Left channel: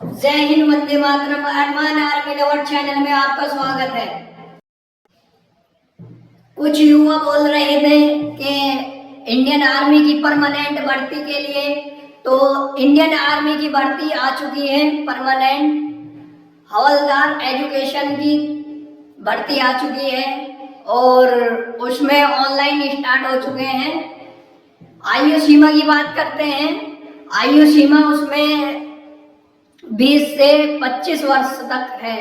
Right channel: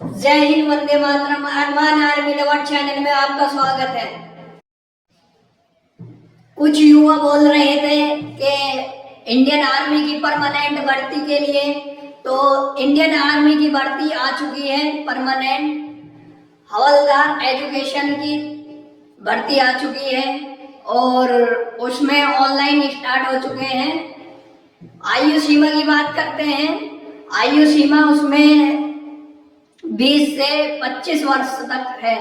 जय हिंद, वंदे मातरम। अरमान army lover channel में आपका स्वागत है। कुछ युवा बोल रहे थे कि इंडियन आर्मी की परमानेंट भर्ती के लिए, तो इंडियन आर्मी की भर्ती आ चुकी है। परमानेंट हवलदार एजुकेशन की भर्ती आ चुकी है और उसमें ऑनलाइन स्टार्ट हो चुके हैं। आयु सीमा की बात करते हैं। आयु सीमा उसमें 20 से 25 वर्ष तक है।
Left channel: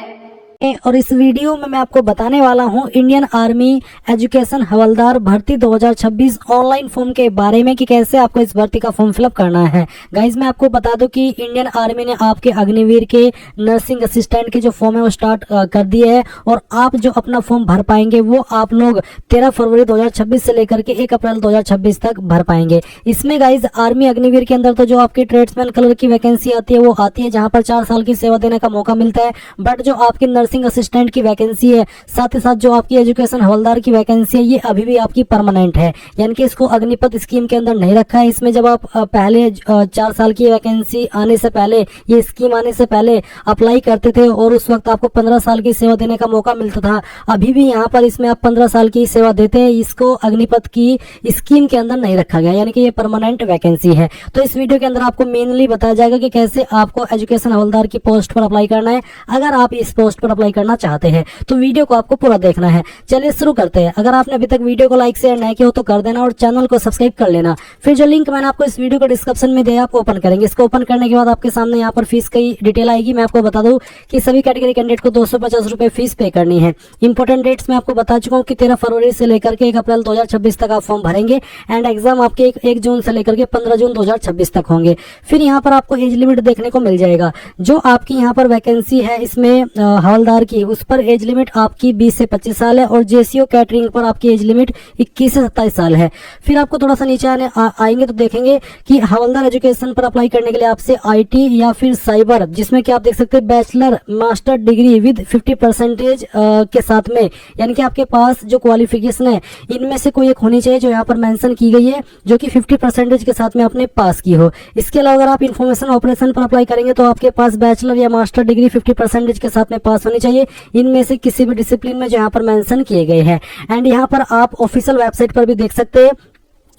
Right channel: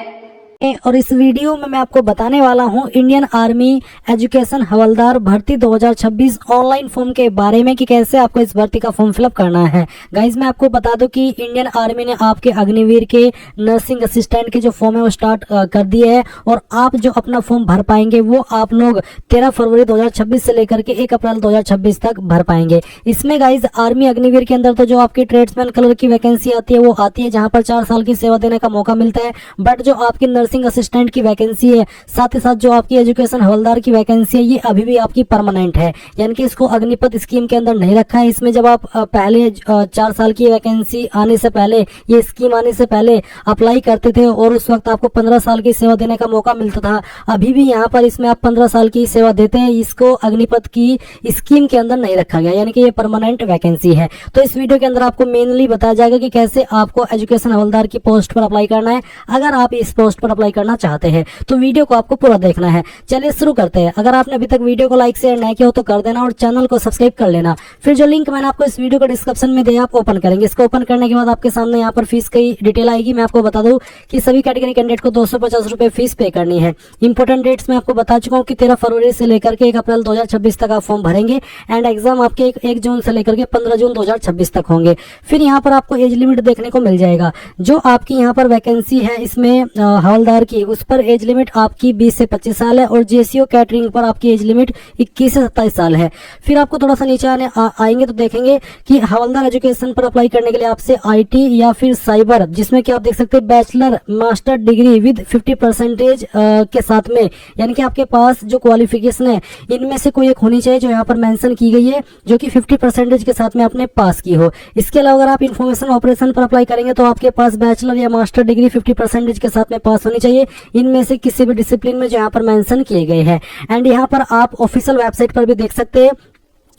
और इस वीडियो में मैं आपको बताने वाला हूं इंडियन आर्मी एजुकेशन हवलदार भर्ती 2026 ऑनलाइन फॉर्म के बारे में कि कैसे आपको इस भर्ती का फॉर्म फिलअप करना है। गाइज मैं आपको बता दूं कि इंडियन आर्मी ने आपके अग्निवीर के नर्सिंग असिस्टेंट के जो फॉर्म है वो स्टार्ट कर दिए है और आप जो अपना फॉर्म भर पाएंगे वो आप लोग 13 फरवरी 2026 से लेकर के 1 अप्रैल 2026 तक भर पाएंगे। इसमें गाइज आर्मी अग्निवीर के अंदर तो जो आपकी ट्रेड्समैन कलर की वैकेंसी आती है वो आती है, जहां पर 4 साल की सेवा देने का मौका मिलता है। बट जो आपकी नर्सिंग असिस्टेंट की वैकेंसी है, साथ ही साथ जो आपकी एजुकेशन हवलदार की वैकेंसी है, ये अभी भी आपकी परमानेंट है, यानी कि इसको अग्निपथ स्कीम के अंदर नहीं रखा है। इसमें जब आप पहले 4 साल की वैकेंसी आने से पहले, ये स्कीम आने से पहले अप्लाई करते थे और उस वक्त आपको 15 साल की सेवा देने का मौका मिलता था। अभी भी यहाँ पर इसमें आप 15 साल की सेवा देते हैं, इसको अग्निपथ की स्कीम के अंदर नहीं रखा गया, यानी कि ये परमानेंट वैकेंसी है। तो इस वीडियो के अंदर आपको मेनली बताया जाएगा कि कैसे आपको एजुकेशन हवलदार की पोस्ट पर अप्लाई करना है। अगर आप इस पोस्ट पर अप्लाई करना चाहते हैं तो वीडियो को आपको पूरा देखना है। चलिए शुरू करते हैं। अगर आपने अभी तक वीडियो को लाइक शेयर नहीं किया हो तो कर देना और चैनल को सब्सक्राइब कर लेना। फिर जो लिंक मैंने आपको इस वीडियो को डिस्क्रिप्शन में दिया आप ओपन करेंगे। इसको ओपन करने के बाद आपके सामने यहाँ पर फीस की डिटेल आएगी। मैं आपको बता दूं कि सभी कैटेगरी कैंडिडेट को 250 रुपए फीस पे करनी है। इंपोर्टेंट डेट्स मैं आपको बता चुका हूँ कि 13 फरवरी से लेकर के 1 अप्रैल 2026 तक आप फॉर्म भरेंगे एंड एग्जाम आपके 1 जून से लेकर के 15 जून 2026 तक होंगे। फिर यहाँ पर आपको एज लिमिट देखने को मिल जाएगा। जो आपकी यहाँ पर वैकेंसी है इसमें हवलदार की, उस पर एज लिमिट आपकी 20 से 25 साल है और जेसीओ कैटरिंग पर आपकी एज लिमिट 21 से 27 साल है। फिर आपको थोड़ा सा नीचे आएंगे तो देखेंगे कि हवलदार एजुकेशन पर अप्लाई करने के लिए आपसे आईटी या फिर साइबर, जिसमें कि आप देख सकते हैं बैचलर मास्टर डिग्री विद 50% के साथ में, यानी कि आपके पास जो क्वालिफिकेशन है इनमें से कोई एक होनी चाहिए जो यहाँ पर मेंशन की गई है, जो कि 50% के साथ में आपने पास की हो। इसके अलावा अगर आप इंफॉर्मेशन ऑपरेशन पर अप्लाई करेंगे तो आपके पास बैचलर या मास्टर डिग्री 50% के साथ में पास होनी चाहिए, इनमें से किसी भी डिसिप्लिन में जो यहाँ पर मेंशन किए गए हैं। एंड यहाँ पर आप ऑफिशियल वेबसाइट पर भी देख सकते हैं।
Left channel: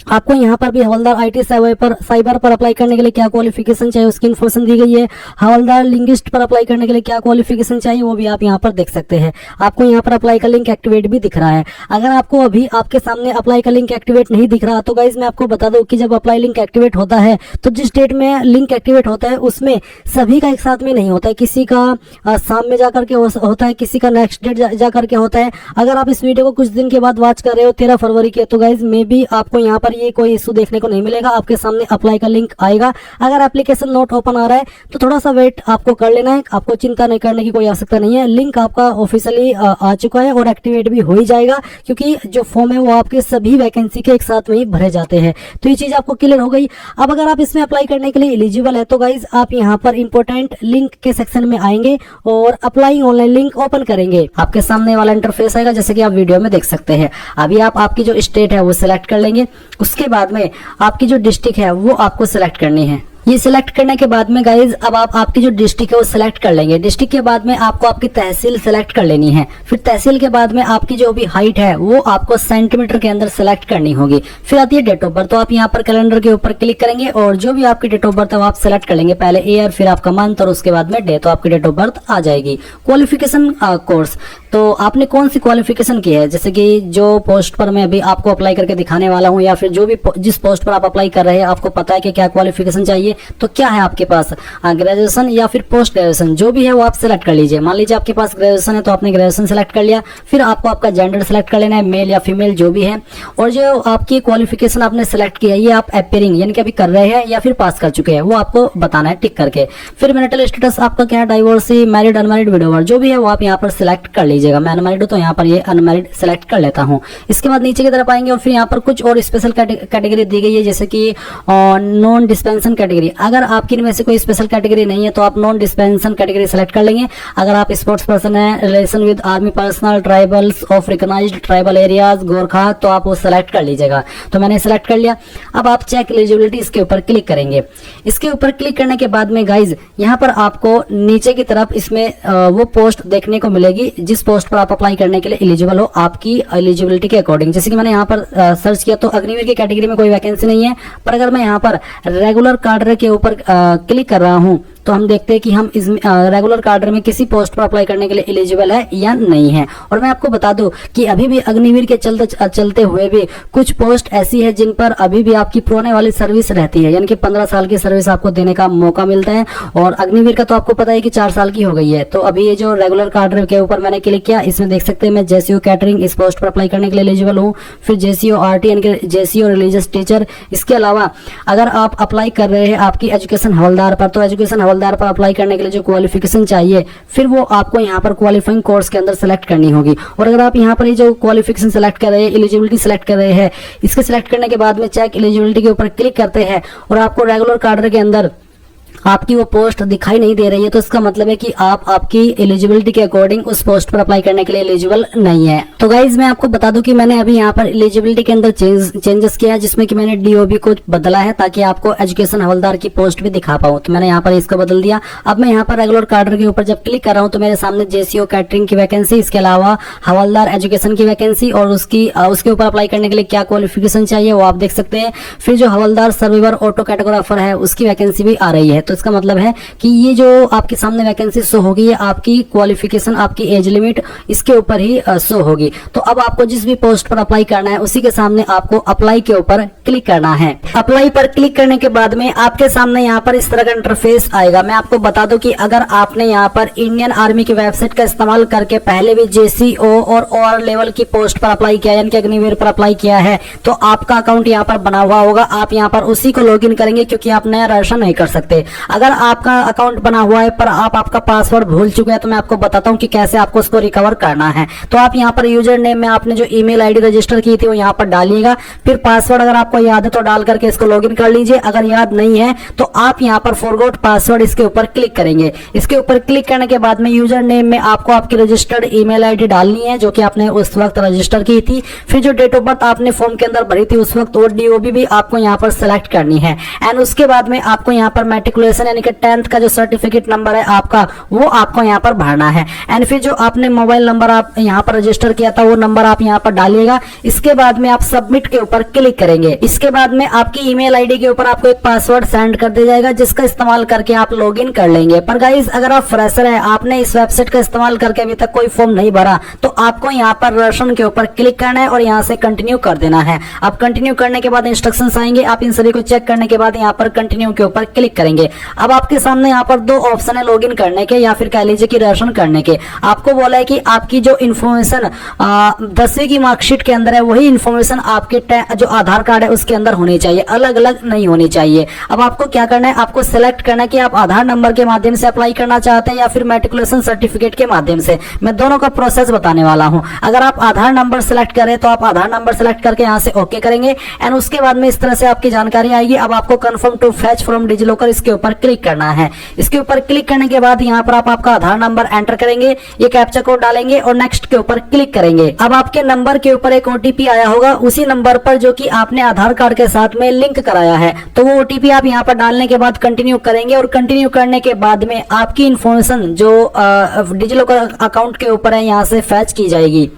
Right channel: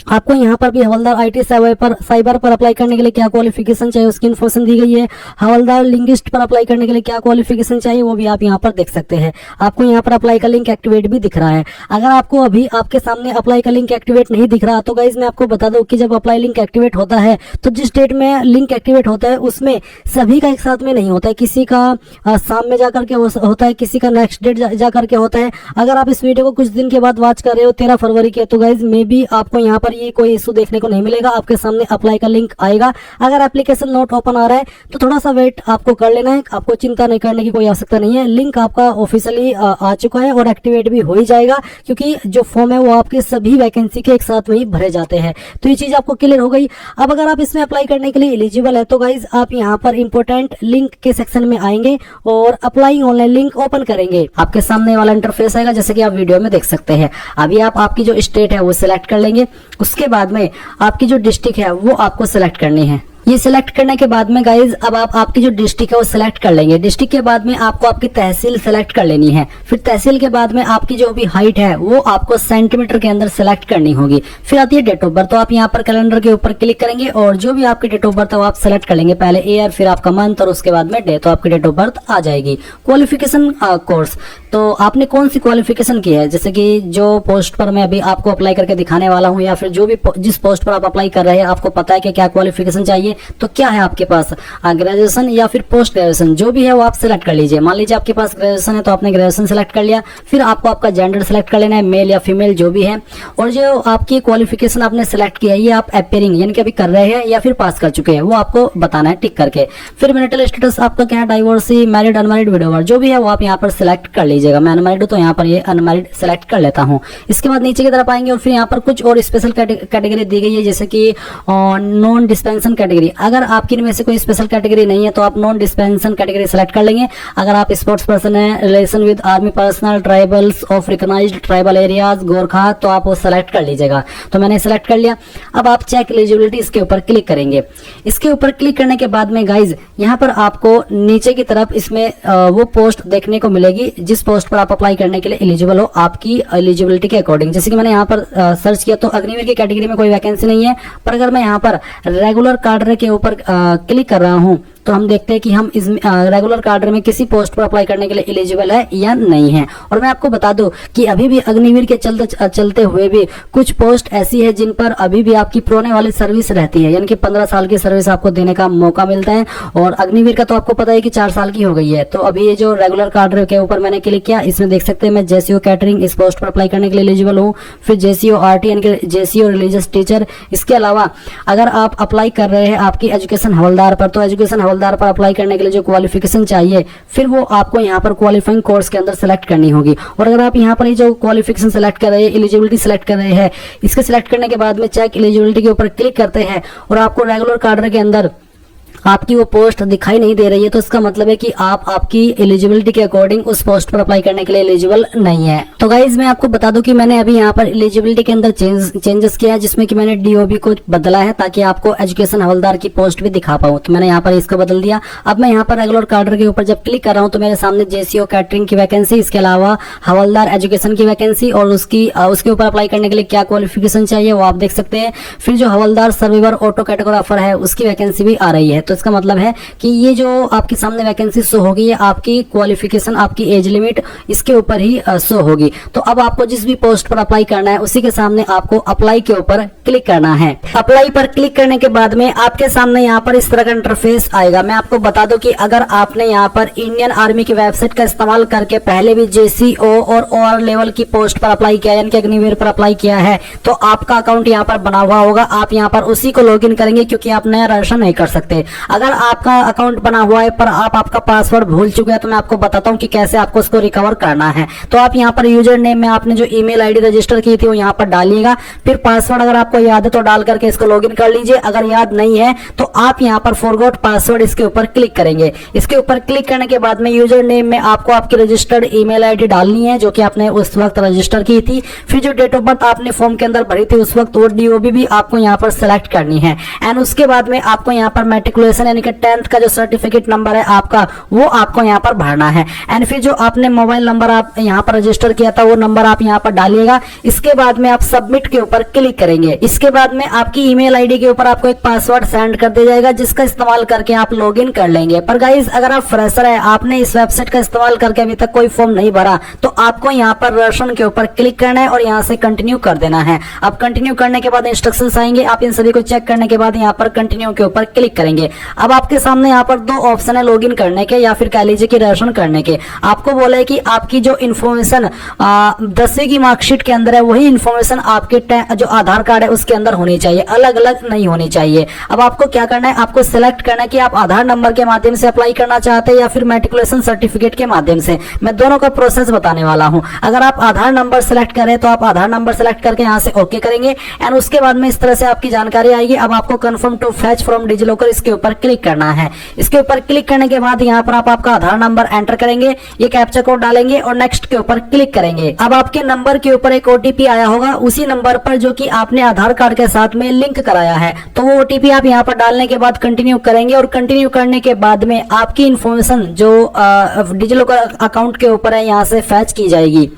आपको यहाँ पर भी हवलदार आईटी साइबर पर अप्लाई करने के लिए क्या क्वालिफिकेशन चाहिए उसकी इन्फॉर्मेशन दी गई है। हवलदार लिंग्विस्ट पर अप्लाई करने के लिए क्या क्वालिफिकेशन चाहिए वो भी आप यहाँ पर देख सकते हैं। आपको यहाँ पर अप्लाई का लिंक एक्टिवेट भी दिख रहा है। अगर आपको अभी आपके सामने अप्लाई का लिंक एक्टिवेट नहीं दिख रहा तो गाइज मैं आपको बता दूं कि जब अप्लाई लिंक एक्टिवेट होता है तो जिस डेट में लिंक एक्टिवेट होता है उसमें सभी का एक साथ में नहीं होता है, किसी का शाम में जाकर के होता है, किसी का नेक्स्ट डेट जाकर के होता है। अगर आप इस वीडियो को कुछ दिन के बाद वॉच कर रहे हो 13 फरवरी के, तो गाइज मे बी आपको यहाँ पर ये कोई इशू देखने को नहीं मिलेगा। आपके सामने अप्लाई का लिंक आएगा। अगर एप्लीकेशन नोट ओपन आ रहा है तो थोड़ा सा वेट आपको कर लेना है, आपको चिंता नहीं करने की कोई आवश्यकता नहीं है। लिंक आपका ऑफिशियली आ चुका है और एक्टिवेट भी हो ही जाएगा, क्योंकि जो फॉर्म है वो आपके सभी वैकेंसी के एक साथ में ही भरे जाते हैं। तो ये चीज आपको क्लियर हो गई। अब अगर आप इसमें अप्लाई करने के लिए एलिजिबल है तो गाइज आप यहाँ पर इंपोर्टेंट लिंक के सेक्शन में आएंगे और अप्लाई ऑनलाइन लिंक ओपन करेंगे। आपके सामने वाला इंटरफेस आएगा जैसे कि आप वीडियो में देख सकते हैं। अभी आप आपकी जो स्टेट है वो सिलेक्ट कर लेंगे। उसके बाद में आपकी जो डिस्ट्रिक्ट है वो आपको सिलेक्ट करनी है। ये सिलेक्ट करने के बाद में गाइज अब आप आपकी जो डिस्ट्रिक्ट है वो सिलेक्ट कर लेंगे। डिस्ट्रिक्ट के बाद में आपको आपकी तहसील सिलेक्ट कर लेनी है। फिर तहसील के बाद में आपकी जो भी हाइट है वो आपको सेंटीमीटर के अंदर सिलेक्ट करनी होगी। फिर आती है डेट ऑफ बर्थ, तो आप यहाँ पर कैलेंडर के ऊपर क्लिक करेंगे और जो भी आपकी डेट ऑफ बर्थ है वो आप सिलेक्ट कर लेंगे। पहले ईयर, फिर आपका मंथ और उसके बाद में डे, तो आपकी डेट ऑफ बर्थ आ जाएगी। क्वालिफिकेशन कोर्स, तो आपने कौन सी क्वालिफिकेशन की है, जैसे कि जो पोस्ट पर मैं अभी आपको अप्लाई करके दिखाने वाला हूँ या फिर जो भी जिस पोस्ट पर आप अप्लाई कर रहे हैं आपको पता है कि क्या क्वालिफिकेशन चाहिए, तो क्या है आपके पास ग्रेजुएशन या फिर पोस्ट ग्रेजुएशन, जो भी है वो आप सिलेक्ट कर लीजिए। मान लीजिए आपके पास ग्रेजुएशन है तो आपने ग्रेजुएशन सिलेक्ट कर लिया। फिर आपको आपका जेंडर सिलेक्ट कर लेना है, मेल या फीमेल जो भी है। और जो आपकी क्वालिफिकेशन आपने सिलेक्ट किया है ये आप अपेयरिंग यानी कि अभी कर रहे हैं या फिर पास कर चुके हैं वो आपको बताना है टिक करके। फिर मैरिटल स्टेटस आपका क्या है, डाइवोर्सी, मैरिड, अनमैरिड, विडोवर, जो भी है वो आप यहाँ पर सिलेक्ट कर लीजिएगा। मैं अनमैरिड हूं तो यहाँ पर ये अनमैरिड सिलेक्ट कर लेता हूँ। इसके बाद नीचे की तरफ आएंगे और फिर यहाँ पर कुछ और स्पेशल कैटेगरी दी गई है, जैसे कि नॉन डिस्पेंशन कैटेगरी कैटेगरी। अगर आपकी इनमें से कोई स्पेशल कैटेगरी नहीं है तो आप नॉन डिस्पेंसन कैटेगरी सेलेक्ट कर लेंगे। अगर आप स्पोर्ट्स पर्सन है, relation with army personal, tribals of recognised tribal areas, Gorkha, तो आप वो सेलेक्ट कर लीजिएगा। तो मैंने सेलेक्ट कर लिया। अब आप चेक एलिजिबिलिटी इसके ऊपर क्लिक करेंगे। इसके ऊपर क्लिक करने के बाद में गाइज यहाँ पर आपको नीचे की तरफ इसमें वो पोस्ट देखने को मिलेगी जिस पोस्ट पर आप अप्लाई करने के लिए एलिजिबल हो आपकी एलिजिबिलिटी के अकॉर्डिंग। जैसे कि मैंने यहाँ पर सर्च किया तो अग्निवीर की कैटेगरी में कोई वैकेंसी नहीं है, पर अगर मैं यहाँ पर रेगुलर कार्डर के ऊपर क्लिक कर रहा हूँ तो हम देखते हैं कि हम इस रेगुलर कार्डर में किसी पोस्ट पर अप्लाई करने के लिए एलिजिबल है या नहीं है। और मैं आपको बता दूं कि अभी भी अग्निवीर के चलते हुए भी कुछ पोस्ट ऐसी है जिन पर अभी भी आपकी पुराने वाली सर्विस रहती है, यानी कि 15 साल की सर्विस आपको देने का मौका मिलता है। और अग्निवीर का तो आपको पता है कि 4 साल की हो गई है। तो अभी ये जो रेगुलर कार्डर के ऊपर मैंने क्लिक किया, इसमें देख सकते हैं मैं जेसीओ कैटरिंग इस पोस्ट पर अप्लाई करने के लिए एलिजिबल हूँ। फिर जेसीओ आरटी यानी कि जेसीओ रिलीजियस टीचर। इसके अलावा अगर आप अप्लाई कर रहे हैं आपकी एजुकेशन हवलदार पर, तो एजुकेशन हवलदार पर अप्लाई करने के लिए जो क्वालिफिकेशन चाहिए फिर वो आपको यहाँ पर क्वालिफाइंग कोर्स के अंदर सेलेक्ट करनी होगी। और अगर आप यहाँ पर ये जो क्वालिफिकेशन सेलेक्ट कर रहे हैं, एलिजिबिलिटी सेलेक्ट कर रहे हैं, इसके सेलेक्ट करने के बाद में चेक एलिजिबिलिटी के ऊपर क्लिक करते हैं और आपको रेगुलर कार्डर के अंदर आपकी वो पोस्ट दिखाई नहीं दे रही है, तो इसका मतलब है कि आप आपकी एलिजिबिलिटी के अकॉर्डिंग उस पोस्ट पर अप्लाई करने के लिए एलिजिबल नहीं है। तो गाइज मैं आपको बता दूं कि मैंने अभी यहाँ पर एलिजिबिलिटी के अंदर चेंजेस किया है, जिसमें कि मैंने डीओबी को बदला है ताकि आपको एजुकेशन हवलदार की पोस्ट भी दिखा पाऊं। तो मैंने यहाँ पर इसको बदल दिया। अब मैं यहाँ पर रेगुलर कार्डर के ऊपर जब क्लिक कर रहा हूँ तो मेरे सामने जेसीओ कैटरिंग की वैकेंसी, इसके अलावा हवलदार एजुकेशन की वैकेंसी और उसके ऊपर अप्लाई करने के लिए क्या क्वालिफिकेशन चाहिए वो आप देख सकते हैं। फिर जो हवलदार सर्वाइवर ऑटो कैटेगोराफर है उसकी वैकेंसी भी आ रही है। तो इसका मतलब है कि ये जो आपके सामने वैकेंसी शो होगी है आपकी क्वालिफिकेशन, आपकी एज लिमिट इसके ऊपर ही शो होगी। तो अब आपको जिस भी पोस्ट पर अप्लाई करना है उसी के सामने आपको अप्लाई के ऊपर क्लिक करना है। अप्लाई पर क्लिक करने के बाद में आपके सामने यहाँ पर इस तरह का इंटरफेस आएगा। मैं आपको बता दूं कि अगर आपने यहाँ पर इंडियन आर्मी की वेबसाइट का इस्तेमाल करके पहले भी जेसीओ और लेवल की पोस्ट पर अप्लाई किया यानी कि अग्निवीर पर अप्लाई किया है तो आपका अकाउंट यहाँ पर बना हुआ होगा। आप यहाँ पर उसी को लॉगिन करेंगे क्योंकि आप नया रजिस्ट्रेशन नहीं कर सकते। अगर आपका अकाउंट बना हुआ है पर आप आपका पासवर्ड भूल चुके हैं तो मैं आपको बताता हूं कि कैसे आपको उसको रिकवर करना है। तो आप यहाँ पर यूजर नेम में आपने जो ईमेल आईडी रजिस्टर की थी वो यहाँ पर डालिएगा। फिर पासवर्ड अगर आपको याद है तो डाल करके इसको लॉगिन कर लीजिए। अगर याद नहीं है तो आप यहाँ पर फॉरगॉट पासवर्ड इसके ऊपर क्लिक करेंगे। इसके ऊपर क्लिक करने के बाद में यूजर नेम में आपको आपकी रजिस्टर्ड ईमेल आईडी डालनी है जो कि आपने उस वक्त रजिस्टर की थी। फिर जो डेट ऑफ बर्थ आपने फॉर्म के अंदर भरी थी उस वक्त वो डीओबी भी आपको यहाँ पर सेलेक्ट करनी है। एंड उसके बाद में आपको यहाँ पर मैट्रिकुलेशन यानी कि 10th का जो सर्टिफिकेट नंबर है आपका वो आपको यहाँ पर भरना है। एंड फिर जो आपने मोबाइल नंबर आप यहाँ पर रजिस्टर किया था वो नंबर आप यहाँ पर डालिएगा। इसके बाद में आप सबमिट के ऊपर क्लिक करेंगे। इसके बाद में आपकी ईमेल आईडी के ऊपर आपको एक पासवर्ड सेंड कर दिया जाएगा जिसका इस्तेमाल करके आप लॉगिन कर लेंगे। पर गाइज अगर आप फ्रेशर है, आपने इस वेबसाइट का इस्तेमाल करके अभी तक कोई फॉर्म नहीं भरा तो आपको यहाँ पर रजिस्ट्रेशन के ऊपर क्लिक करना है और यहाँ से कंटिन्यू कर देना है। अब कंटिन्यू करने के बाद इंस्ट्रक्शंस आएंगे, आप इन सभी को चेक करने के बाद यहाँ पर कंटिन्यू के ऊपर क्लिक करेंगे। अब आपके सामने यहाँ पर 2 ऑप्शन है लॉगिन करने के या फिर कह लीजिए कि रजिस्ट्रेशन करने के। आपको बोला है कि आपकी जो इन्फॉर्मेशन 10वीं की मार्कशीट के अंदर है वही इन्फॉर्मेशन आपके जो आधार कार्ड है उसके अंदर होनी चाहिए, अलग अलग नहीं होनी चाहिए। अब आपको क्या करना है, आपको सिलेक्ट करना है कि आप आधार नंबर के माध्यम से अप्लाई करना चाहते हैं या फिर मैट्रिकुलेशन सर्टिफिकेट के माध्यम से। मैं दोनों का प्रोसेस बताने वाला हूं। अगर आप आधार नंबर सेलेक्ट करें तो आप आधार नंबर सेलेक्ट करके यहाँ से ओके करेंगे एंड उसके बाद में इस तरह से आपकी जानकारी आएगी। अब आपको confirm to fetch from DigiLocker इसके ऊपर क्लिक करना है। इसके ऊपर क्लिक करने के बाद यहाँ पर आप आपका आधार नंबर एंटर करेंगे, ये कैप्चा कोड डालेंगे और नेक्स्ट के ऊपर क्लिक करेंगे। अब आपके नंबर के ऊपर एक ओटीपी आया होगा उसी नंबर पर जो कि आपने आधार कार्ड के साथ में लिंक कराया है, तो वो ओटीपी आप यहाँ पर डालने के बाद कंटिन्यू करेंगे और कंटिन्यू करने के बाद में आपकी इंफॉर्मेशन जो डिजिलॉकर अकाउंट के ऊपर है यहाँ से फैच की जाएगी।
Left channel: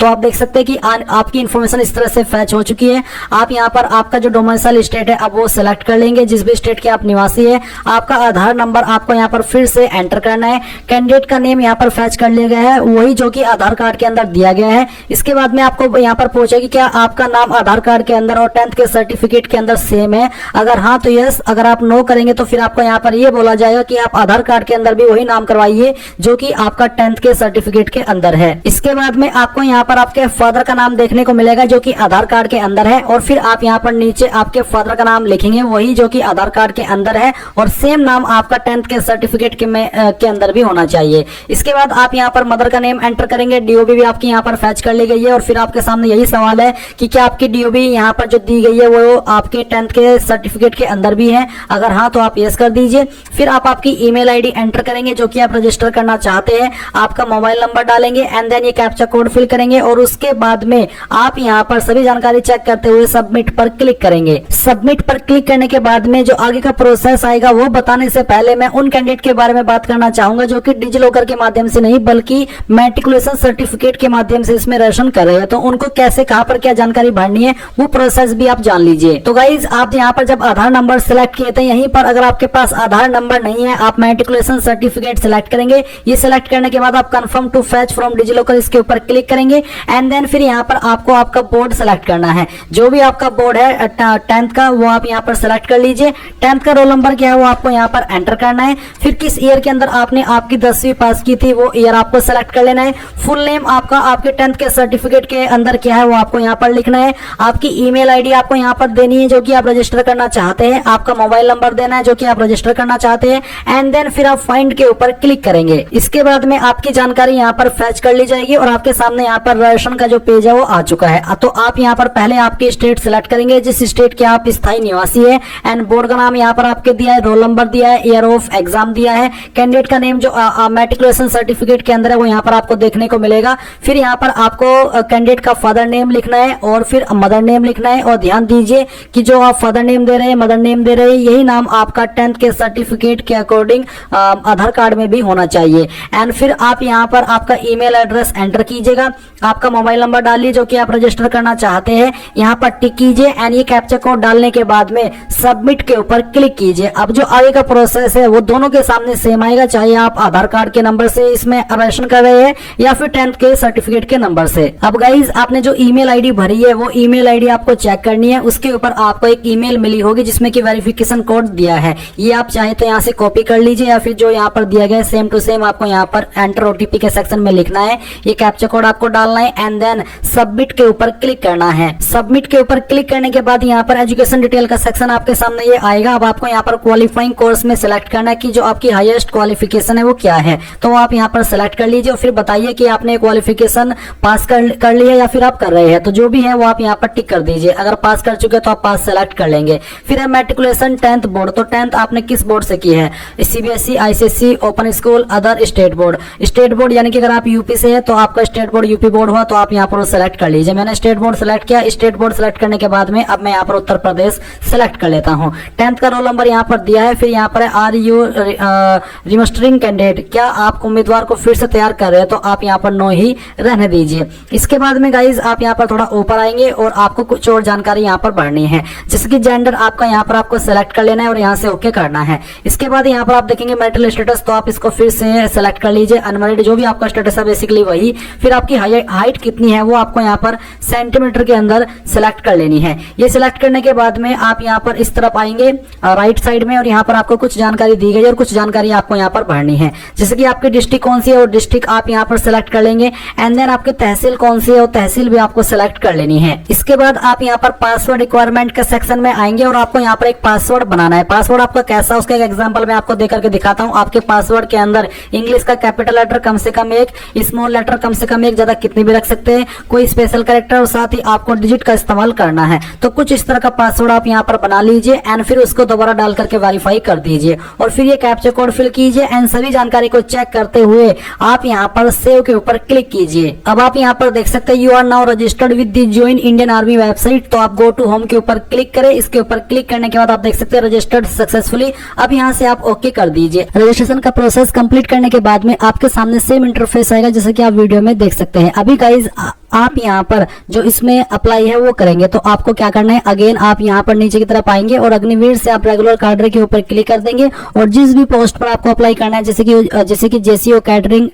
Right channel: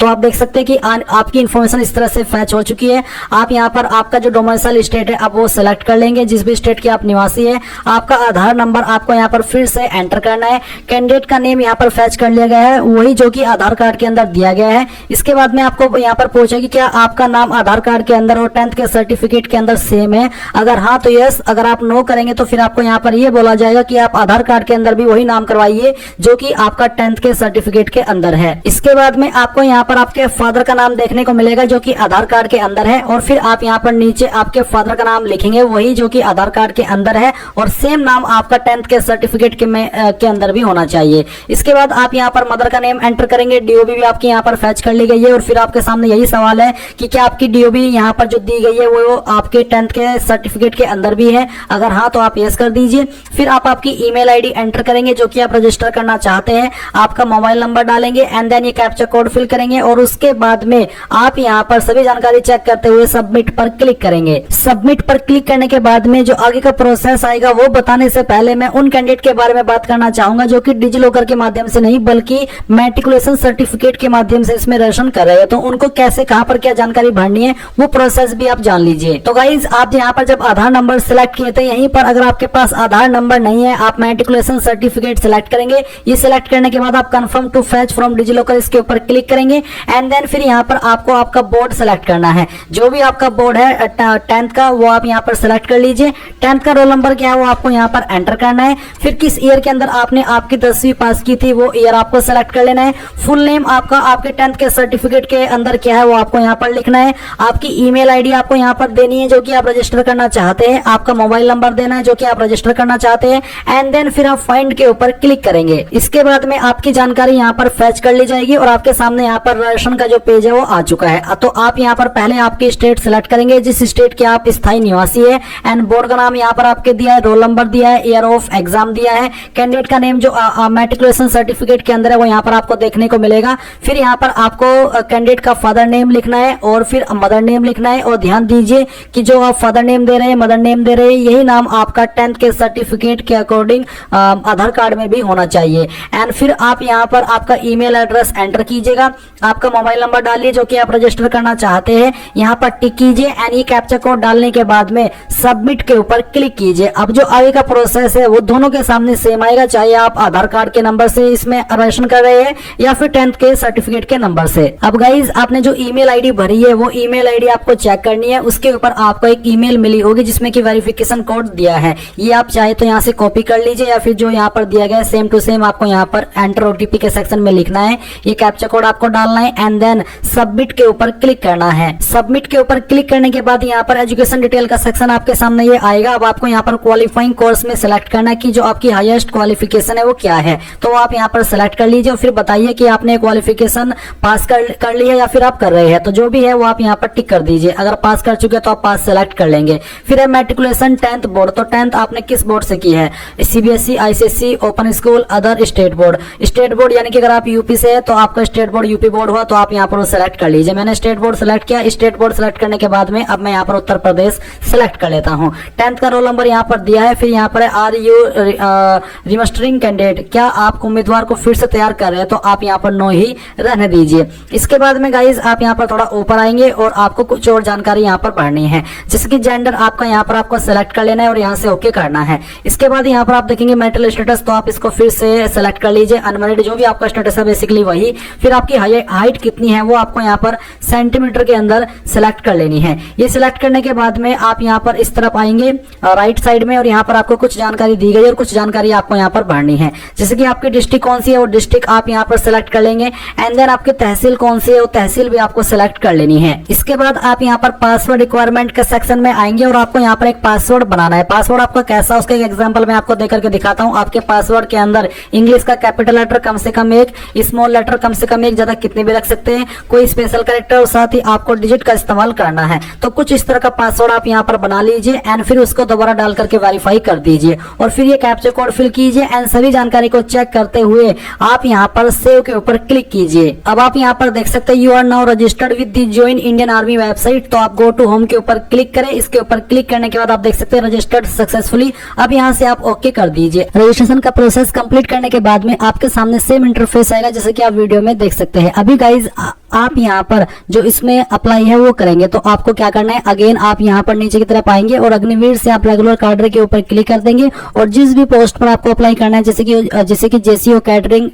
तो आप देख सकते हैं कि आपकी इन्फॉर्मेशन इस तरह से फैच हो चुकी है। आप यहाँ पर आपका जो डोमिसाइल स्टेट है अब वो सिलेक्ट कर लेंगे, जिस भी स्टेट के आप निवासी है। आपका आधार नंबर आपको यहाँ पर फिर से एंटर करना है। कैंडिडेट का नेम यहाँ पर फैच कर लिया गया है वही जो कि आधार कार्ड के अंदर दिया गया है। इसके बाद में आपको यहाँ पर पूछेगा कि क्या आपका नाम आधार कार्ड के अंदर और 10th के सर्टिफिकेट के अंदर सेम है। अगर हाँ तो यस, अगर आप नो करेंगे तो फिर आपको यहाँ पर ये बोला जाएगा कि आप आधार कार्ड के अंदर भी वही नाम करवाइए जो कि आपका 10th के सर्टिफिकेट के अंदर है। इसके बाद में आपको यहाँ पर आपके फादर का नाम देखने को मिलेगा जो कि आधार कार्ड के अंदर है, और फिर आप यहाँ पर नीचे आपके फादर का नाम लिखेंगे वही जो कि आधार कार्ड के अंदर है, और सेम नाम आपका 10th के सर्टिफिकेट के अंदर भी होना चाहिए। इसके बाद आप यहाँ पर मदर का नेम एंटर करेंगे। डीओबी भी आपकी यहाँ पर फैच कर ली गई है, और फिर आपके सामने यही सवाल है कि क्या आपकी डीओबी यहाँ पर जो दी गई है वो आपके 10th के सर्टिफिकेट के अंदर भी है। अगर हाँ तो आप यस कर दीजिए। फिर आप आपकी ईमेल आईडी एंटर करेंगे जो कि आप रजिस्टर करना चाहते हैं, आपका मोबाइल नंबर डालेंगे एंड देन ये कैप्चा कोड फिल करेंगे, और उसके बाद में आप यहाँ पर सभी जानकारी चेक करते हुए सबमिट पर क्लिक करेंगे। सबमिट पर क्लिक करने के बाद में जो आगे का प्रोसेस आएगा वो बताने से पहले मैं उन कैंडिडेट के बारे में बात करना चाहूंगा जो कि डिजी लॉकर के माध्यम से नहीं बल्कि मैट्रिकुलेशन सर्टिफिकेट के माध्यम से इसमें रजिस्ट्रेशन कर रहे हैं। तो उनको कैसे कहां पर क्या जानकारी भरनी है वो प्रोसेस भी आप जान लीजिए। तो गाइज आप यहाँ पर जब आधार नंबर सिलेक्ट किए थे, यहीं पर अगर आपके पास आधार नंबर नहीं है आप मैट्रिकुलेशन सर्टिफिकेट सिलेक्ट करेंगे। ये सिलेक्ट करने के बाद आप confirm to fetch from DigiLocker इसके ऊपर क्लिक करेंगे एंड देन फिर यहाँ पर आपको आपका बोर्ड सेलेक्ट करना है। जो भी आपका बोर्ड है 10th का वो आप यहाँ पर सेलेक्ट कर लीजिए। 10th का रोल नंबर क्या है वो आपको यहाँ पर एंटर करना है। फिर किस ईयर के अंदर आपने आपकी 10वीं पास की थी वो ईयर आपको सेलेक्ट कर लेना है। फुल नेम आपका आपके 10th के सर्टिफिकेट के अंदर क्या है वो आपको यहाँ पर लिखना है। आपकी ईमेल आईडी आपको यहाँ पर देनी है जो कि आप रजिस्टर करना चाहते हैं। आपका मोबाइल नंबर देना है जो कि आप रजिस्टर करना चाहते हैं एंड देन फिर आप फाइंड के ऊपर क्लिक करेंगे। इसके बाद में आपकी जानकारी यहाँ पर फैच कर ली जाएगी और आपके सामने यहाँ पर रजिस्ट्रेशन का जो पेज है वो आ चुका है। तो आप यहाँ पर पहले आपकी स्टेट सिलेक्ट करेंगे जिस स्टेट के आप स्थायी निवासी है एंड बोर्ड का नाम यहाँ पर आपके दिया है, रोल नंबर दिया है, ईयर ऑफ एग्जाम दिया है, कैंडिडेट का नेम जो मैट्रिकुलेशन सर्टिफिकेट के अंदर है वो यहाँ पर आपको देखने को मिलेगा। फिर यहाँ पर आपको कैंडिडेट का फादर नेम लिखना है और फिर मदर नेम लिखना है, और ध्यान दीजिए कि जो आप फादर नेम दे रहे हैं मदर नेम दे रहे हैं यही नाम आपका 10th के सर्टिफिकेट के अकॉर्डिंग आधार कार्ड में भी होना चाहिए। एंड फिर आप यहाँ पर आपका ईमेल एड्रेस एंटर कीजिएगा, आपका मोबाइल नंबर डालिए जो कि आप रजिस्टर करना चाहते हैं, यहाँ पर टिक कीजिए एंड ये कैप्चा कोड डालने के बाद में सबमिट के ऊपर क्लिक कीजिए। अब जो आगे का प्रोसेस है वो दोनों के सामने सेम आएगा, चाहे आप आधार कार्ड के नंबर से इसमें रजिस्ट्रेशन कर रहे हैं या फिर 10th के सर्टिफिकेट के नंबर से। अब गाइज आपने जो ईमेल आईडी भरी है वो ईमेल आईडी आपको चेक करनी है। उसके ऊपर आपको एक ईमेल मिली होगी जिसमें कि वेरिफिकेशन कोड दिया है, ये आप चाहे तो यहाँ से कॉपी कर लीजिए या फिर जो यहाँ पर दिया गया है सेम टू सेम आपको यहाँ पर एंटर ओटीपी के सेक्शन में लिखना है। ये कैप्चा कोड आपको डालना है एंड देन सबमिट के ऊपर क्लिक करना है। सबमिट के ऊपर क्लिक करने के बाद यहाँ पर एजुकेशन डिटेल का सेक्शन आपके सामने ये आएगा। अब आपको यहाँ पर क्वालिफाइंग कोर्स में सिलेक्ट करना है कि जो आपकी हाईएस्ट क्वालिफिकेशन है वो क्या है, तो आप यहाँ पर सिलेक्ट कर लीजिए और फिर बताइए कि आपने क्वालिफिकेशन पास कर ली है या फिर आप कर रहे हैं। तो जो भी है वो आप यहाँ पर टिक कर दीजिए। अगर पास कर चुके तो आप पास सेलेक्ट कर लेंगे। फिर है मैट्रिकुलेशन 10th बोर्ड, तो 10th आपने किस बोर्ड से की है, CBSE, ICSE, open school, other state board. State board यानी कि अगर आप यूपी से है तो आपका स्टेट बोर्ड यूपी बोर्ड हुआ तो आप यहाँ पर सेलेक्ट कर लीजिए। मैंने स्टेट बोर्ड सेलेक्ट किया। स्टेट बोर्ड सेलेक्ट करने के बाद में अब मैं यहाँ पर उत्तर प्रदेश सेलेक्ट कर लेता हूँ। 10th का रोल नंबर यहाँ पर दिया है। फिर यहाँ पर आर यू रिमस्टरिंग कैंडिडेट, क्या आप उम्मीदवार को फिर से तैयार कर रहे हैं, तो आप यहाँ पर नो ही रहने दीजिए। इसके बाद में गाइज आप यहाँ पर थोड़ा ऊपर आएंगे और आपको कुछ और जानकारी यहाँ पर भरनी है, जैसे कि जेंडर आपका यहाँ पर आपको सेलेक्ट कर लेना है और यहाँ से ओके करना है। इसके बाद यहाँ पर आप देखेंगे मैरिटल स्टेटस, तो आप इसको फिर से सेलेक्ट कर लीजिए। अनमैरिड जो भी आपका स्टेटस है बेसिकली वही। फिर आपकी हाइट कितनी है वो आपको यहाँ पर सेंटीमीटर के अंदर सेलेक्ट कर लेनी है। ये सिलेक्ट करने के बाद में आप यहाँ पर इस तरफ आएंगे राइट साइड में और यहाँ पर आपको कुछ जानकारी दी गई और कुछ जानकारी आपको यहाँ पर भरनी है, जैसे कि आपकी डिस्ट्रिक्ट कौन सी है और डिस्ट्रिक्ट आप यहाँ पर सेलेक्ट कर लेंगे एंड देन आपकी तहसील कौन सी है और तहसील भी आपको सेलेक्ट कर लेनी है। इसके बाद आप यहाँ पर पासवर्ड रिक्वायरमेंट के सेक्शन में आएंगे और आपको यहाँ पर एक पासवर्ड बनाना है। पासवर्ड आपका कैसा, उसका एक एग्जांपल मैं आपको देकर के दिखाता हूँ। आपके पासवर्ड के अंदर इंग्लिश का कैपिटल लेटर कम से कम एक, स्मॉल लेटर कम से कम एक, ज्यादा कितने भी रख सकते हैं, कोई स्पेशल कैरेक्टर और साथ ही आपको डिजिट का इस्तेमाल करना है। तो कुछ इस तरह का पासवर्ड आप यहाँ पर बना लीजिए एंड फिर उसको दोबारा डाल करके वेरीफाई कर दीजिए और फिर ये कैप्चा कोड फिल कीजिए एंड सभी जानकारी को चेक करते हुए आप यहाँ पर सेव के ऊपर क्लिक कीजिए। अब आप यहाँ पर देख सकते हैं you are now registered with the join Indian Army website, तो आप गो टू होम के ऊपर क्लिक करें। इसके ऊपर क्लिक करने के बाद आप देख सकते हैं रजिस्टर्ड सक्सेसफुली। अब यहाँ से आप ओके कर दीजिए। रजिस्ट्रेशन का प्रोसेस कंप्लीट करने के बाद में आपके सामने सेम इंटरफेस आएगा जैसे कि आप वीडियो में देख सकते हैं। अभी गाइज आप यहाँ पर जो इसमें अप्लाई है वो करेंगे, तो आपको क्या करना है, अगेन आप यहाँ पर नीचे की तरफ आएंगे और अग्निवीर से आप रेगुलर कैडर के ऊपर क्लिक कर देंगे और जिस भी पोस्ट पर आपको अप्लाई करना है, जैसे कि जेसीओ कैटरिंग,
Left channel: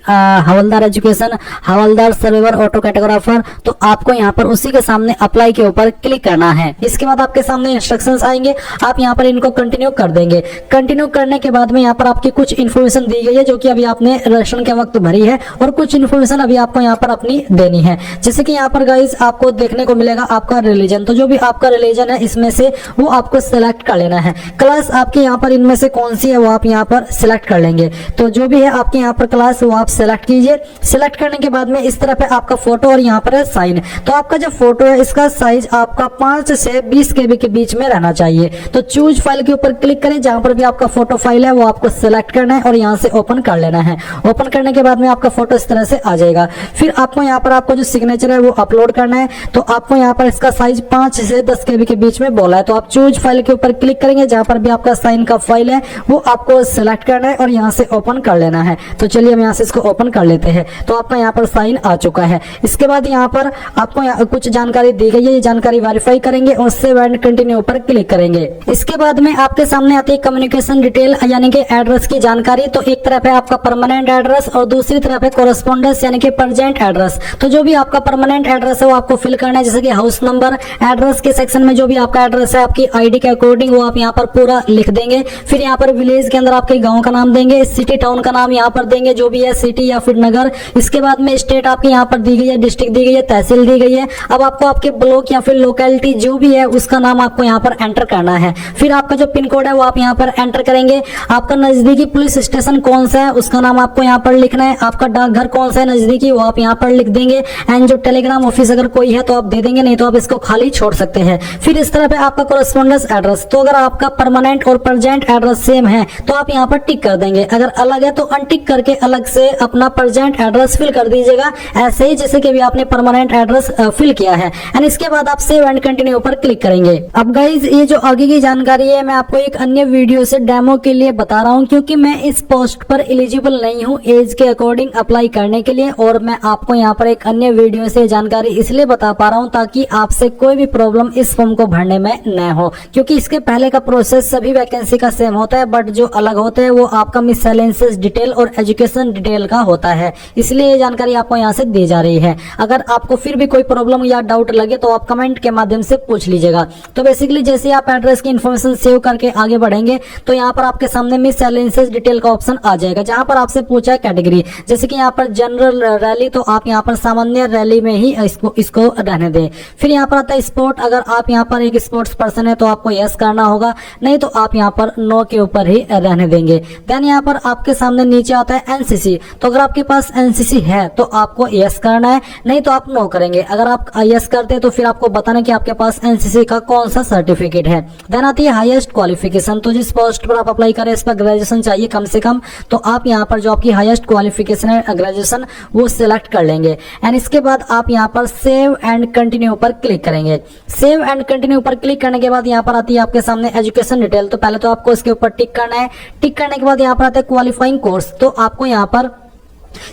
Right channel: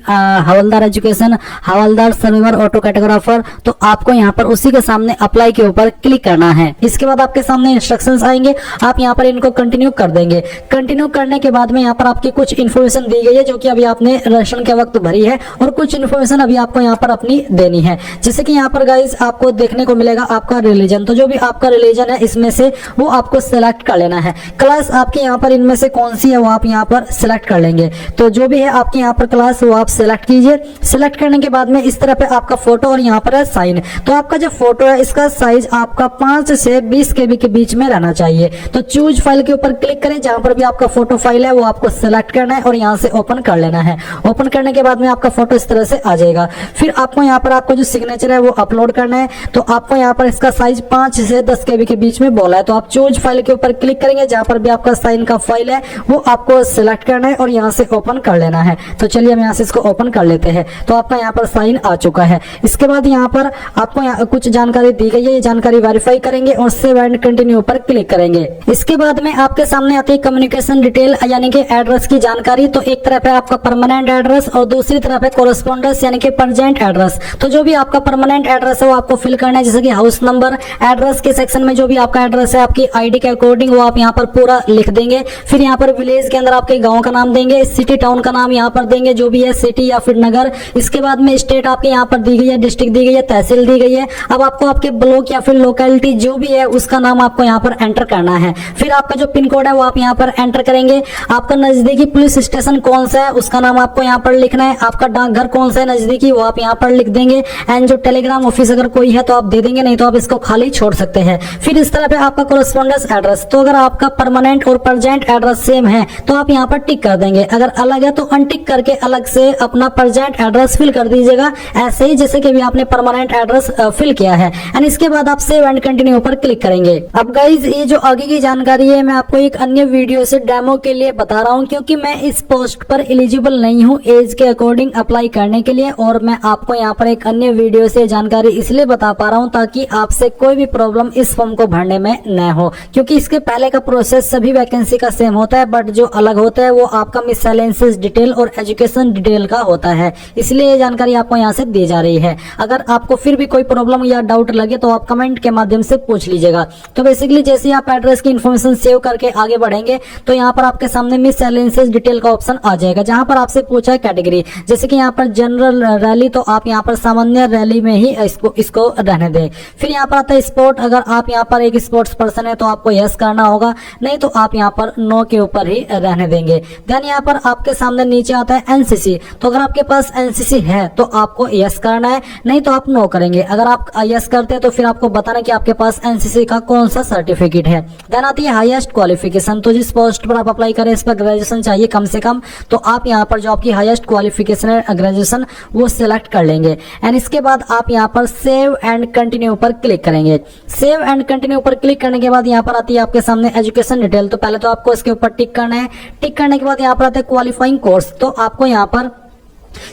हवलदार एजुकेशन, हवलदार सर्वेवर, ऑटो कैटेगोराफर, तो आपको यहाँ पर उसी के सामने अप्लाई के ऊपर क्लिक करना है। इसके बाद आपके सामने इंस्ट्रक्शंस आएंगे, आप यहाँ पर इनको कंटिन्यू कर देंगे। कंटिन्यू करने के बाद में यहाँ पर आपकी कुछ इन्फॉर्मेशन दी गई है जो कि अभी आपने रजिस्ट्रेशन के वक्त भरी है और कुछ इन्फॉर्मेशन अभी आपको यहाँ पर अपने अपनी देनी है। जैसे कि यहाँ पर गाइज आपको देखने को मिलेगा आपका रिलीजन, तो जो भी आपका रिलीजन है इसमें से वो आपको सिलेक्ट कर लेना है। क्लास आपके यहाँ पर इनमें से कौन सी है वो आप यहाँ पर सिलेक्ट कर लेंगे। तो जो भी है आपके यहाँ पर क्लास वो आप सिलेक्ट कीजिए। सिलेक्ट करने के बाद में इस तरह पे आपका फोटो और यहाँ पर है साइन। तो आपका जो फोटो है इसका साइज आपका 5 से 20 KB के बीच में रहना चाहिए। तो चूज फाइल के ऊपर क्लिक करें, जहां पर भी आपका फोटो फाइल है वो आपको सिलेक्ट करना है और यहाँ से ओपन कर लेना है। ओपन करने के बाद में आपका फोटो इस तरह से आ जाएगा। फिर आपको यहाँ पर आपको जो सिग्नेचर है वो अपलोड करना है। तो आपको यहाँ पर इसका साइज 5 से 10 KB के बीच में बोला है। तो आप चूज फाइल के ऊपर क्लिक करेंगे, जहां पर भी आपका साइन का फाइल है वो आपको सिलेक्ट करना है और यहाँ से ओपन कर लेना है। तो चलिए हम यहाँ से इसको ओपन कर लेते हैं। तो आपका यहाँ पर साइन आ चुका है। इसके बाद यहाँ पर आपको कुछ जानकारी दी गई है, ये जानकारी वेरीफाई करेंगे और सेव एंड कंटिन्यू पर क्लिक करेंगे। इसके बाद में आपके सामने आती है कम्युनिकेशन डिटेल यानी कि एड्रेस की जानकारी। तो एक तरफ है आपका परमानेंट एड्रेस और दूसरी तरफ है कोरेस्पोंडेंस यानी कि प्रेजेंट एड्रेस। तो जो भी आपका परमानेंट एड्रेस है वो आपको फिल करना है, जैसे कि हाउस नंबर। एड्रेस के सेक्शन में जो भी आपका एड्रेस है आपकी आईडी के अकॉर्डिंग वो आप यहाँ पर पूरा लिख देंगे। फिर यहाँ पर विलेज के अंदर आपके गाँव का नाम देंगे, सिटी टाउन का नाम यहाँ पर देंगे जो भी है, सिटी या फिर नगर। इसके बाद में स्टेट आपकी यहाँ पर दी गई है, डिस्ट्रिक्ट दी गई है, तहसील दी गई है। अब आपको आपके ब्लॉक या फिर लोकेलिटी जो भी है उसका नाम आपको यहाँ पर एंटर करना है। फिर आपका जो पिन कोड है वो आप यहाँ पर एंटर करेंगे। आपका नजदीकी पुलिस स्टेशन कौन सा है उसका नाम आपको यहाँ पर लिखना है। आपका डाकघर कौन सा है नजदीकी वो आप यहाँ पर लिख देंगे। एंड जो टेलीग्राम ऑफिस अगर कोई है तो आप दे देंगे, नहीं तो आप इसको खाली छोड़ सकते हैं। फिर इस तरह पे आपका कोरेस्पोंडेंस एड्रेस, तो अगर आपका परमानेंट और प्रेजेंट एड्रेस सेम है तो आप यहाँ पर टिक कर देंगे। अगर अलग है तो अनटिक करके अलग से अपना प्रेजेंट एड्रेस फिल कर दीजिएगा, ऐसे ही जैसे कि अभी आपने परमानेंट एड्रेस फिल किया है। एंड इसके बाद आप सेव एंड कंटिन्यू पर क्लिक करेंगे। अब गाइज ये जो आगे की जानकारी है मैं आपको एक अन्य वीडियो से डेमो के लिए बता रहा हूँ, क्योंकि मैं इस पोस्ट पर एलिजिबल नहीं हूँ एज के अकॉर्डिंग अप्लाई करने के लिए, और मैं आपको यहाँ पर एक अन्य वीडियो से जानकारी इसलिए बता पा रहा हूँ ताकि आपसे कोई भी प्रॉब्लम इस फॉर्म को भरने में न हो। क्योंकि इसके पहले का प्रोसेस सभी वैकेंसी का सेम होता है, बट जो अलग होता है वो आपका मिसलेनियस डिटेल और एजुकेशन डिटेल का होता है, इसलिए ये जानकारी आपको यहाँ से दी जा रही है। अगर आपको फिर भी कोई प्रॉब्लम या डाउट लगे तो आप कमेंट के माध्यम से पूछ लीजिएगा। तो बेसिकली जैसे आप एड्रेस की इन्फॉर्मेशन सेव करके आगे बढ़ेंगे तो यहाँ पर आपके सामने मिसलेनियस डिटेल का ऑप्शन आ जाएगा, जहाँ पर आपसे पूछा है कैटेगरी। जैसे कि यहाँ पर जनरल रैली, तो आप यहाँ पर सामान्य रैली में ही इसको रहने दें। फिर यहाँ पर आता है स्पोर्ट, अगर आप यहाँ पर एक स्पोर्ट्स पर्सन है तो आपको यस करना होगा, नहीं तो आप यहाँ पर नो के ऊपर ही रहने देंगे। देन यहाँ पर आपके सामने नीचे आता है एनसीसी, तो अगर आपके पास एनसीसी है तो आपको यस करना है, नहीं तो आप नो करेंगे। अगर आप यस करते हैं तो फिर आपको बताना कि आपके पास एनसीसी का कौन सा सर्टिफिकेट है। देन आती है हाईएस्ट क्वालिफिकेशन, तो जिस पोस्ट पर आप अप्लाई करें इस पर ग्रेजुएशन चाहिए कम से कम, तो आप यहाँ पर जो आपकी हाईएस्ट क्वालिफिकेशन है ग्रेजुएशन वो सिलेक्ट कर लेंगे। एंड इसके बाद आप यहाँ पर सेव एंड कंटिन्यू पर क्लिक करेंगे। सेव एंड कंटिन्यू पर क्लिक करने के बाद यहाँ पर आती है आपके सामने एजुकेशन डिटेल, तो पहले तो आपको इसके ऊपर टिक करना है। टिक करने के बाद यहाँ पर आता है क्वालिफाइंग कोर्स, तो आपको यहाँ पर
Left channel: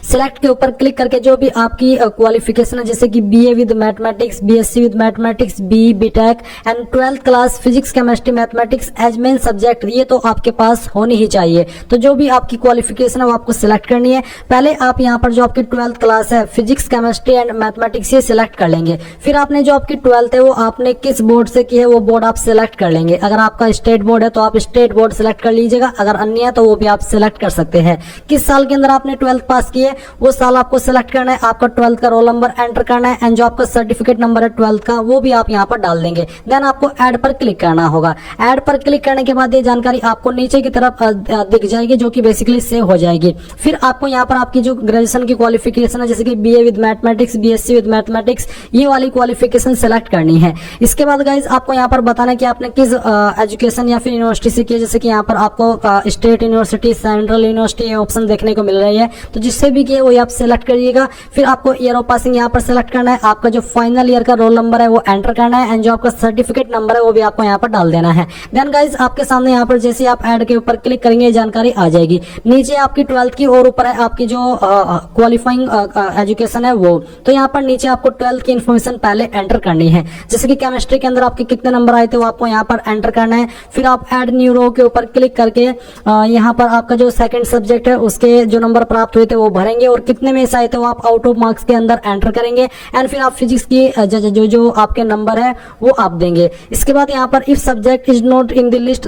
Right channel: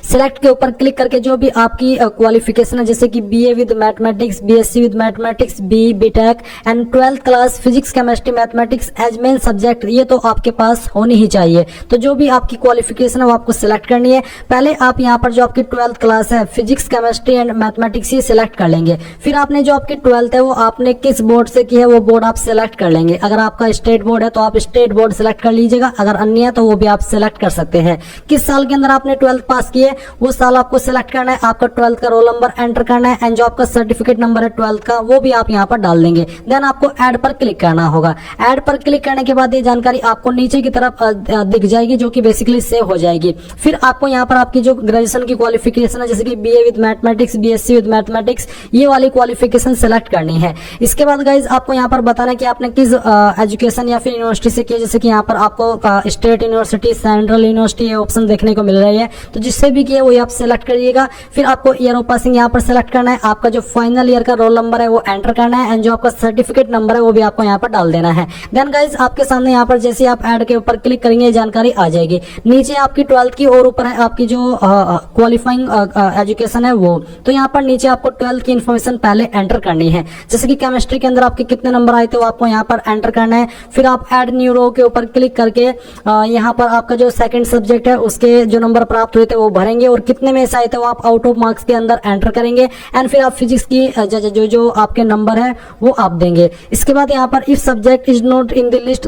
सिलेक्ट के ऊपर क्लिक करके जो भी आपकी क्वालिफिकेशन है, जैसे कि BA with mathematics, BSc with mathematics, BTech and 12th class physics chemistry mathematics as main subject, ये तो आपके पास होनी ही चाहिए। तो जो भी आपकी क्वालिफिकेशन है वो आपको सिलेक्ट करनी है। पहले आप यहाँ पर जो आपकी 12th क्लास है फिजिक्स केमिस्ट्री एंड मैथमेटिक्स ये सिलेक्ट कर लेंगे। फिर आपने जो आपकी 12th है वो आपने किस बोर्ड से की है वो बोर्ड आप सिलेक्ट कर लेंगे। अगर आपका स्टेट बोर्ड है तो आप स्टेट बोर्ड सिलेक्ट कर लीजिएगा, अगर अन्य है तो वो भी आप सिलेक्ट कर सकते हैं। किस साल के अंदर आपने 12th पास किए वो साल आपको सिलेक्ट करना है। आपका 12th का रोल नंबर एंटर करना है एंड जो आपका सर्टिफिकेट नंबर है 12th का वो भी आप यहाँ पर डाल देंगे। देन आपको ऐड पर क्लिक करना होगा। ऐड पर क्लिक करने के बाद ये जानकारी आपको नीचे की तरफ दिख जाएगी, जो कि बेसिकली सेव हो जाएगी। फिर आपको यहाँ पर आपकी जो ग्रेजुएशन की क्वालिफिकेशन है, जैसे कि BA with mathematics, BSc with mathematics, ये वाली क्वालिफिकेशन सेलेक्ट करनी है। इसके बाद गाइज आपको यहाँ पर बताना है कि आपने किस एजुकेशन या फिर यूनिवर्सिटी से किया। जैसे कि यहाँ पर आपको स्टेट यूनिवर्सिटी, सेंट्रल यूनिवर्सिटी ये ऑप्शन देखने को मिल रही है, तो जिससे भी किया वही आप सेलेक्ट करिएगा। फिर आपको ईयर ऑफ पासिंग यहाँ पर सेलेक्ट करना है। आपका जो फाइनल ईयर का रोल नंबर है वो एंटर करना है एंड जो आपका सर्टिफिकेट नंबर है वो भी आपको यहाँ पर डाल देना है। देन गाइज आपके सामने यहाँ पर जैसे आप ऐड के ऊपर क्लिक करेंगे जानकारी आ जाएगी। नीचे आपकी 12th की और ऊपर है आपकी जो क्वालिफाइंग एजुकेशन है वो, तो यहाँ पर नीचे आपको 12th की इन्फॉर्मेशन पहले एंटर करनी है। जैसे कि केमिस्ट्री के अंदर आपके कितने नंबर आए थे वो आपको यहाँ पर एंटर करना है। फिर आप ऐड न्यू रो के ऊपर क्लिक करके यहाँ पर आपका जो सेकंड सब्जेक्ट है उसके जो नंबर प्राप्त हुए थे वो भरेंगे और कितने में से आए थे वो आप आउट ऑफ मार्क्स के अंदर एंटर करेंगे। एंड फिर आप फिजिक्स की जो आपके नंबर है वो आप देंगे। इसके बाद यहाँ पर if subject is not in the list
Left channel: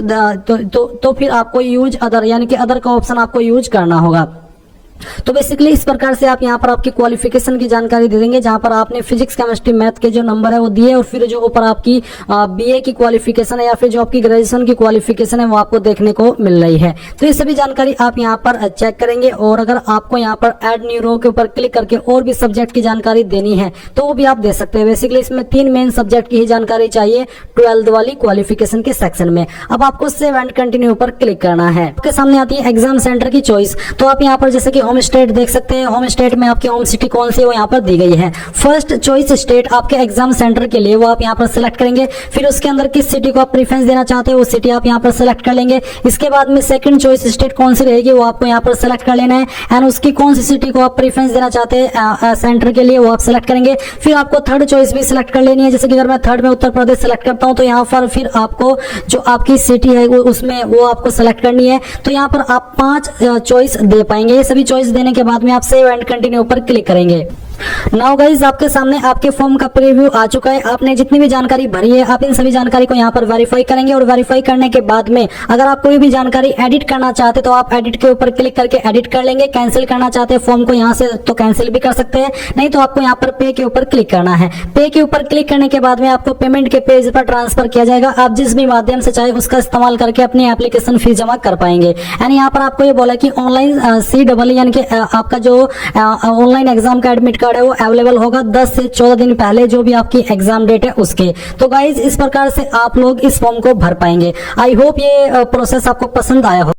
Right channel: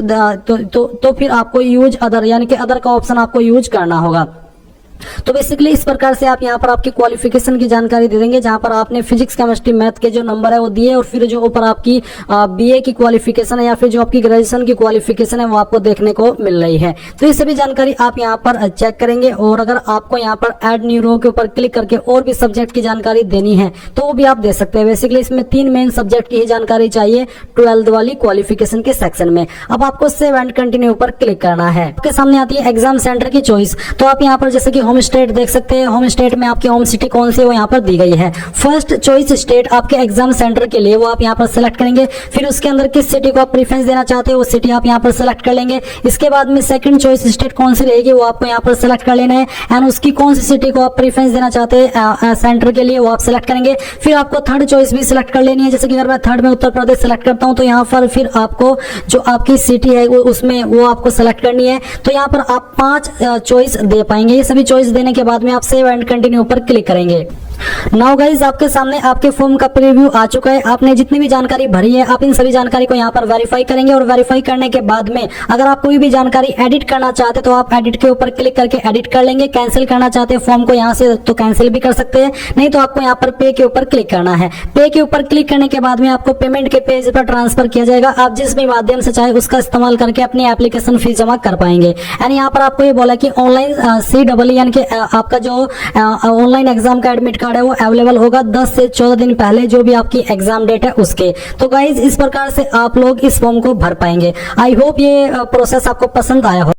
तो फिर आपको यूज अदर यानी कि अदर का ऑप्शन आपको यूज करना होगा। तो बेसिकली इस प्रकार से आप यहाँ पर आपकी क्वालिफिकेशन की जानकारी दे देंगे, जहाँ पर आपने फिजिक्स केमिस्ट्री मैथ के जो नंबर है वो दिए, और फिर जो ऊपर आपकी बीए की क्वालिफिकेशन है या फिर जो आपकी ग्रेजुएशन की क्वालिफिकेशन है वो आपको देखने को मिल रही है। तो ये सभी जानकारी आप यहाँ पर चेक करेंगे, और अगर आपको यहाँ पर ऐड न्यू रो के ऊपर क्लिक करके और भी सब्जेक्ट की जानकारी देनी है तो वो भी आप दे सकते हैं। बेसिकली इसमें 3 मेन सब्जेक्ट की ही जानकारी चाहिए 12th वाली क्वालिफिकेशन के सेक्शन में। अब आपको सेव एंड कंटिन्यू पर क्लिक करना है। आपके सामने आती है एग्जाम सेंटर की चॉइस। तो आप यहाँ पर जैसे कि होम स्टेट देख सकते हैं, होम स्टेट में आपकी होम सिटी कौन सी है वो यहाँ पर दी गई है। फर्स्ट चॉइस स्टेट आपके एग्जाम सेंटर के लिए वो आप यहाँ पर सिलेक्ट करेंगे, फिर उसके अंदर किस सिटी को आप प्रेफरेंस देना चाहते हैं वो सिटी आप यहाँ पर सिलेक्ट कर लेंगे। इसके बाद में सेकंड चॉइस स्टेट कौन सी रहेगी वो आपको यहाँ पर सिलेक्ट कर लेना है, एंड उसकी कौन सी सिटी को आप प्रेफरेंस देना चाहते हैं सेंटर के लिए वो आप सिलेक्ट करेंगे। फिर आपको थर्ड चॉइस भी सिलेक्ट कर लेनी है, जैसे कि अगर मैं थर्ड में उत्तर प्रदेश सिलेक्ट करता हूँ तो यहाँ पर फिर आपको जो आपकी सिटी है उसमें वो आपको सिलेक्ट करनी है। तो यहाँ पर आप 5 चॉइस दे पाएंगे। ये सभी चॉइस देने के बाद में आप सेव एंड कंटिन्यू पर क्लिक करेंगे। नाउ गाइस आपके सामने आपके फॉर्म का प्रीव्यू आ चुका है। आपने जितनी भी जानकारी भरी है आप इन सभी जानकारी को यहाँ पर वेरीफाई करेंगे, और वेरीफाई करने के बाद में अगर आप कोई भी जानकारी एडिट करना चाहते तो आप एडिट के ऊपर क्लिक करके एडिट कर लेंगे। कैंसिल करना चाहते हैं फॉर्म को यहाँ से तो कैंसिल भी कर सकते हैं, नहीं तो आपको यहाँ पर पे के ऊपर क्लिक करना है। पे के ऊपर क्लिक करने के बाद में आपको पेमेंट के पेज पर ट्रांसफर किया जाएगा। आप जिस भी माध्यम से चाहे उसका इस्तेमाल करके अपनी एप्लीकेशन फीस जमा कर पाएंगे। यानी यहाँ पर आपको ये बोला कि ऑनलाइन CEE यानी कि आपका जो ऑनलाइन एग्जाम का एडमिट कार्ड है वो अवेलेबल होगा 10 से 14 दिन पहले जो भी आपकी एग्जाम डेट है उसके। तो गाइज इस प्रकार से आप लोग इस फॉर्म को भर पाएंगे। आई होप ये प्रोसेस आपको पसंद आया हो।